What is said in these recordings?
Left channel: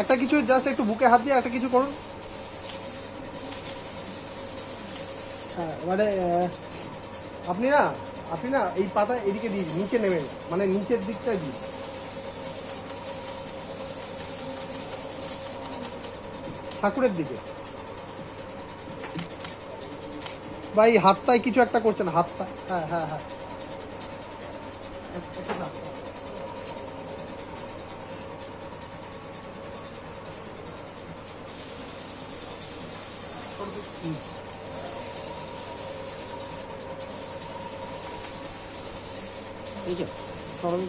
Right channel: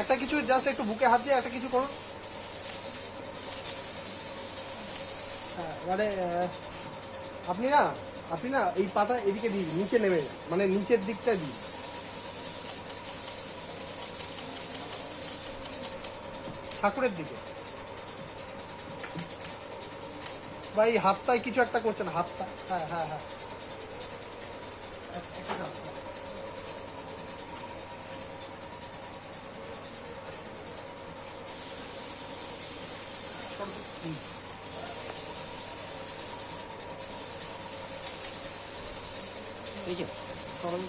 একটা কিছু জাস্ট একটু বুকে হাত দিয়ে একটা কিছু করুন। হ্যাঁ মানে আপনি না এই পাতা এদিকে দিন, নিচে নেমে, মানে নিচের দিকটা দিন, ঠাকুরের দিকে। বা এই হাতটায় কিছু একটা করছেন, হাতটা। হ্যাঁ হ্যাঁ হ্যাঁ, একটা হাত। এই যে সরল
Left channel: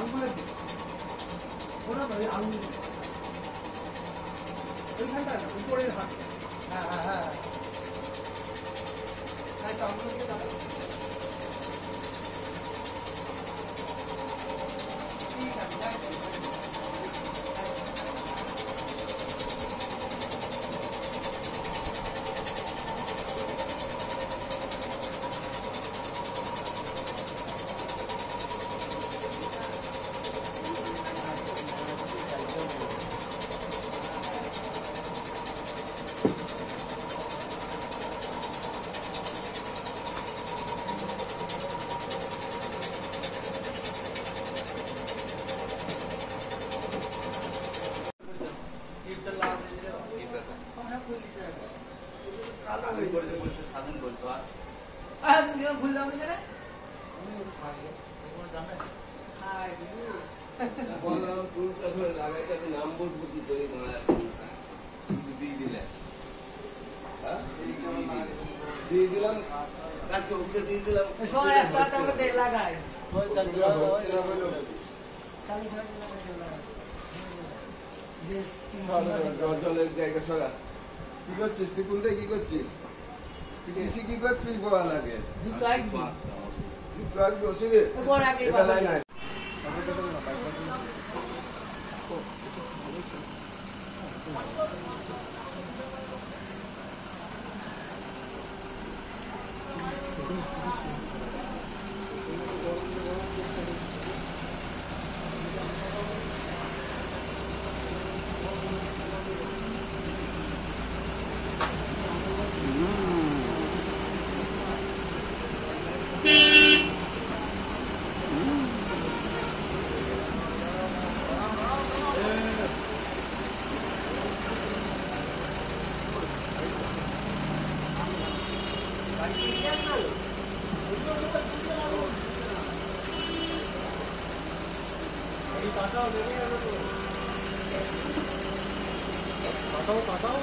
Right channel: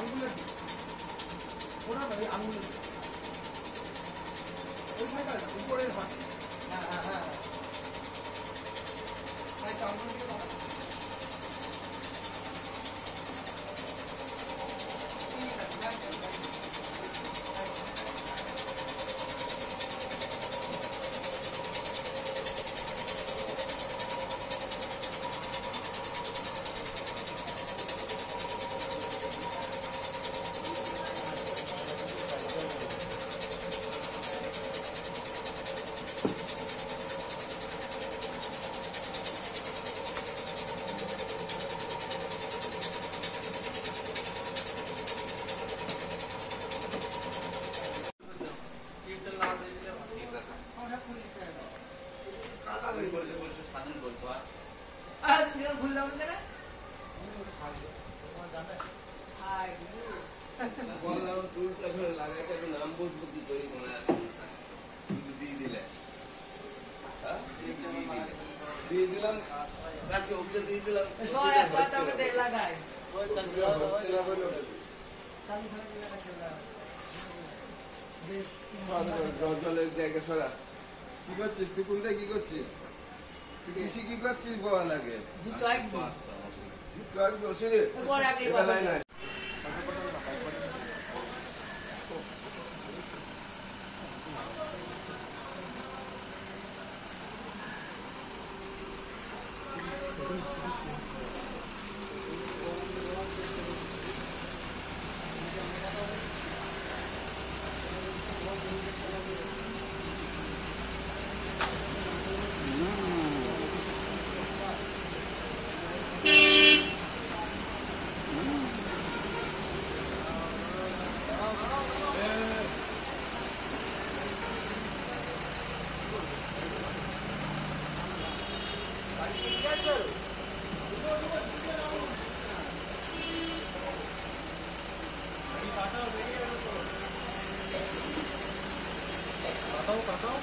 আঙ্গুলের দিকে ওটা নয়, আঙ্গুল ওইখানটা না, উপরের হাত। হ্যাঁ হ্যাঁ হ্যাঁ হ্যাঁ, তো আঙ্গুলের দিকে দাঁড়ান। জলের জায়গা সরা কি করছিস তুই? কোনটা কি করছিস তুই? কৃষি কি করছিস? বলা লাগে বসে কাটাও।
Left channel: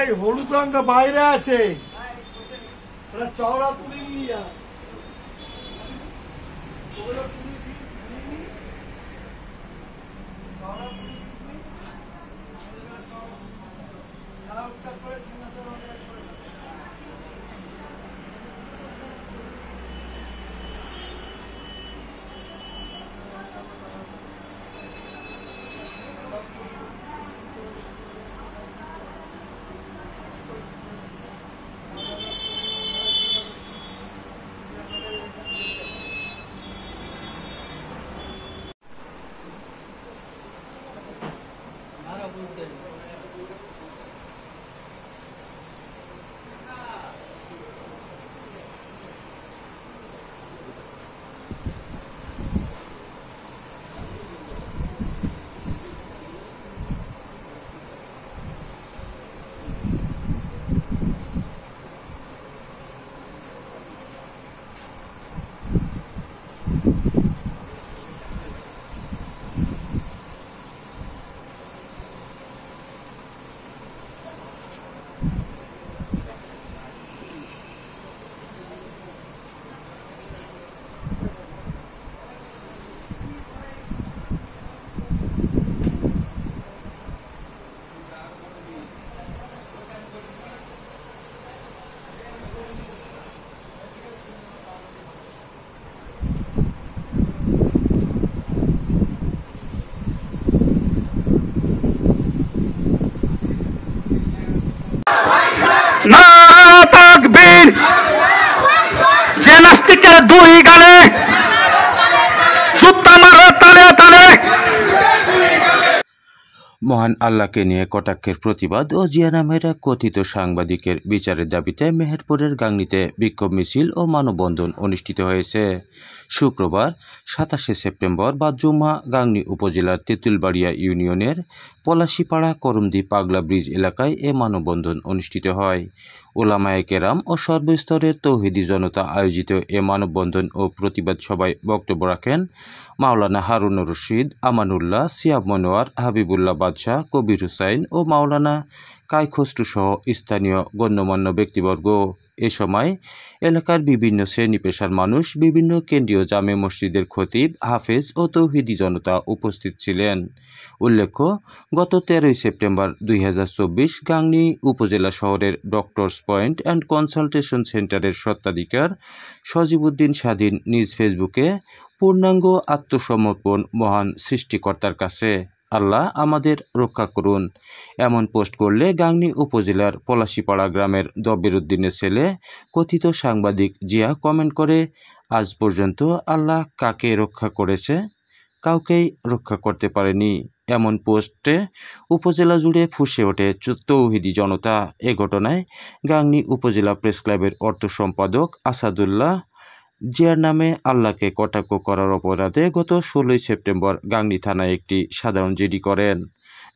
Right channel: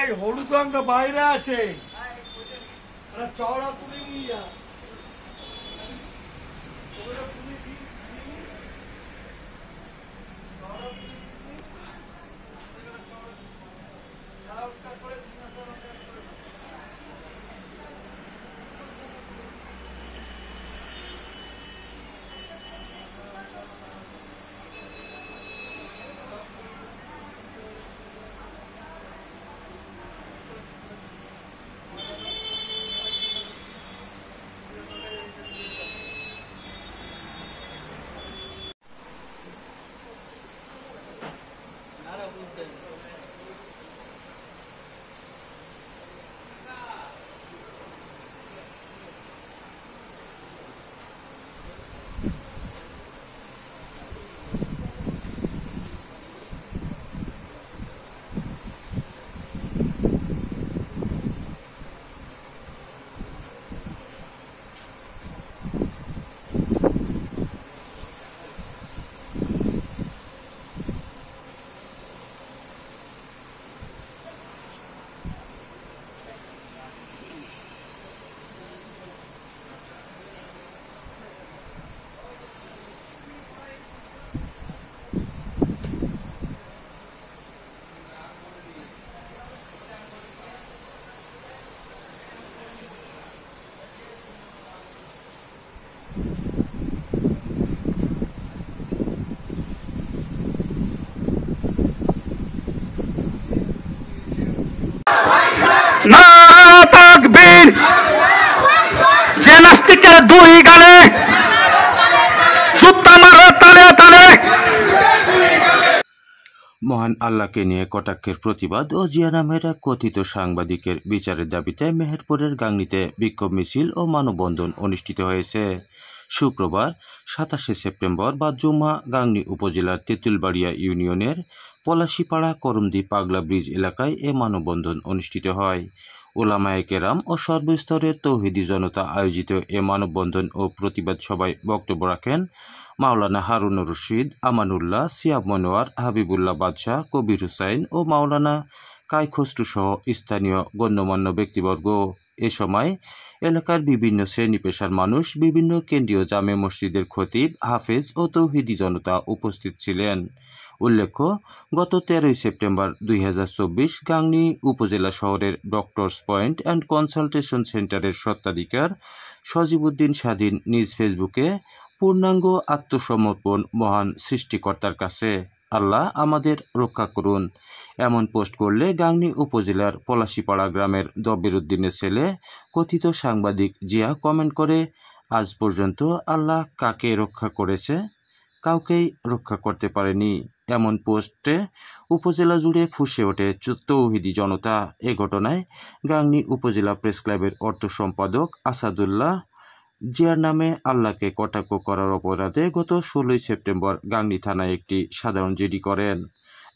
এই হলুদ রঙটা বাইরে আছে, চওড়া তুলে নিয়ে যা। নারা তাকবীর যে নাস্তিকের দুই গালে জুতা মারো তালে তালে। মহান আল্লাহকে নিয়ে কটাক্ষের প্রতিবাদ ও জিয়া নামের এক কথিত সাংবাদিকের বিচারের দাবিতে মেহেরপুরের গাংনীতে বিক্ষোভ মিছিল ও মানববন্ধন অনুষ্ঠিত হয়েছে। শুক্রবার 27 সেপ্টেম্বর বা জুমা গাংনী উপজেলার তেঁতুলবাড়িয়া ইউনিয়নের পলাশীপাড়া করমদি পাগলা ব্রিজ এলাকায় এ মানববন্ধন অনুষ্ঠিত হয়। ওলামায়ে কেরাম ও সর্বস্তরের তৌহিদি জনতা আয়োজিত এ মানববন্ধন ও প্রতিবাদ সভায় বক্তব্য রাখেন মাওলানা হারুনুর রশিদ, আমানুল্লাহ, সিয়াব মনোয়ার, হাবিবুল্লাহ বাদশাহ, কবির হুসাইন ও মাওলানা কাই খসরু সহ স্থানীয় গণ্যমান্য ব্যক্তিবর্গ। এ সময় এলাকার বিভিন্ন শ্রেণী পেশার মানুষ, বিভিন্ন কেন্দ্রীয় জামে মসজিদের খতিব, হাফেজ ও তৌহিদি জনতা উপস্থিত ছিলেন। উল্লেখ্য, গত 13 সেপ্টেম্বর 2024 গাংনী উপজেলা শহরের ডক্টরস পয়েন্ট অ্যান্ড কনসালটেশন সেন্টারের স্বত্বাধিকার সজিবউদ্দিন স্বাধীন নিজ ফেসবুকে পূর্ণাঙ্গ আত্মসমর্পণ মহান সৃষ্টিকর্তার কাছে, আল্লাহ আমাদের রক্ষা করুন এমন পোস্ট করলে গাংনী উপজেলার পলাশীপাড়া গ্রামের দবির উদ্দিনের ছেলে কথিত সাংবাদিক জিয়া কমেন্ট করে, আজ পর্যন্ত আল্লাহ কাকে রক্ষা করেছে? কাউকেই রক্ষা করতে পারেনি। এমন পোস্টে উপজেলা জুড়ে ফুঁসে ওঠে তৌহিদি জনতা। এ ঘটনায় গাংনী উপজেলা প্রেস ক্লাবের অর্থ সম্পাদক আসাদুল্লাহ জিয়ার নামে আল্লাহকে কটাক্ষ করার অপরাধে গত 16 সেপ্টেম্বর গাংনী থানায় একটি সাধারণ জিডি করেন,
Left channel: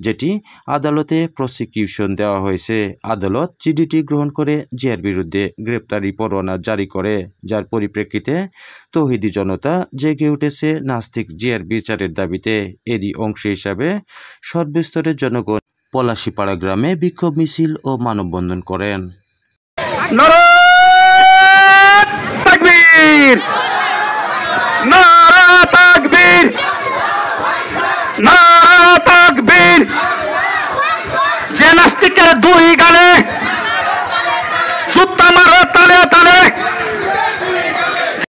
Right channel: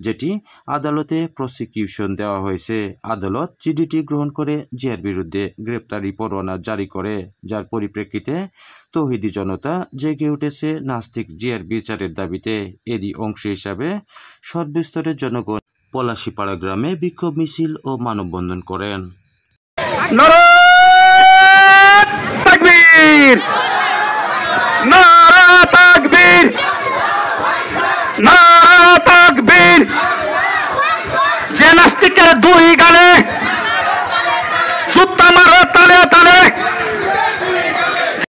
যেটি আদালতে প্রসিকিউশন দেওয়া হয়েছে। আদালত জিডিটি গ্রহণ করে জিয়ার বিরুদ্ধে গ্রেপ্তারি পরোয়ানা জারি করে, যার পরিপ্রেক্ষিতে তৌহিদি জনতা জেগে উঠেছে নাস্তিক জিয়ার বিচারের দাবিতে। এরই অংশ হিসাবে সর্বস্তরের জনগণ পলাশীপাড়া গ্রামে বিক্ষোভ মিছিল ও মানববন্ধন করেন। নারা তাকবীর, নারা তাকবীর, নারা তাকবীর।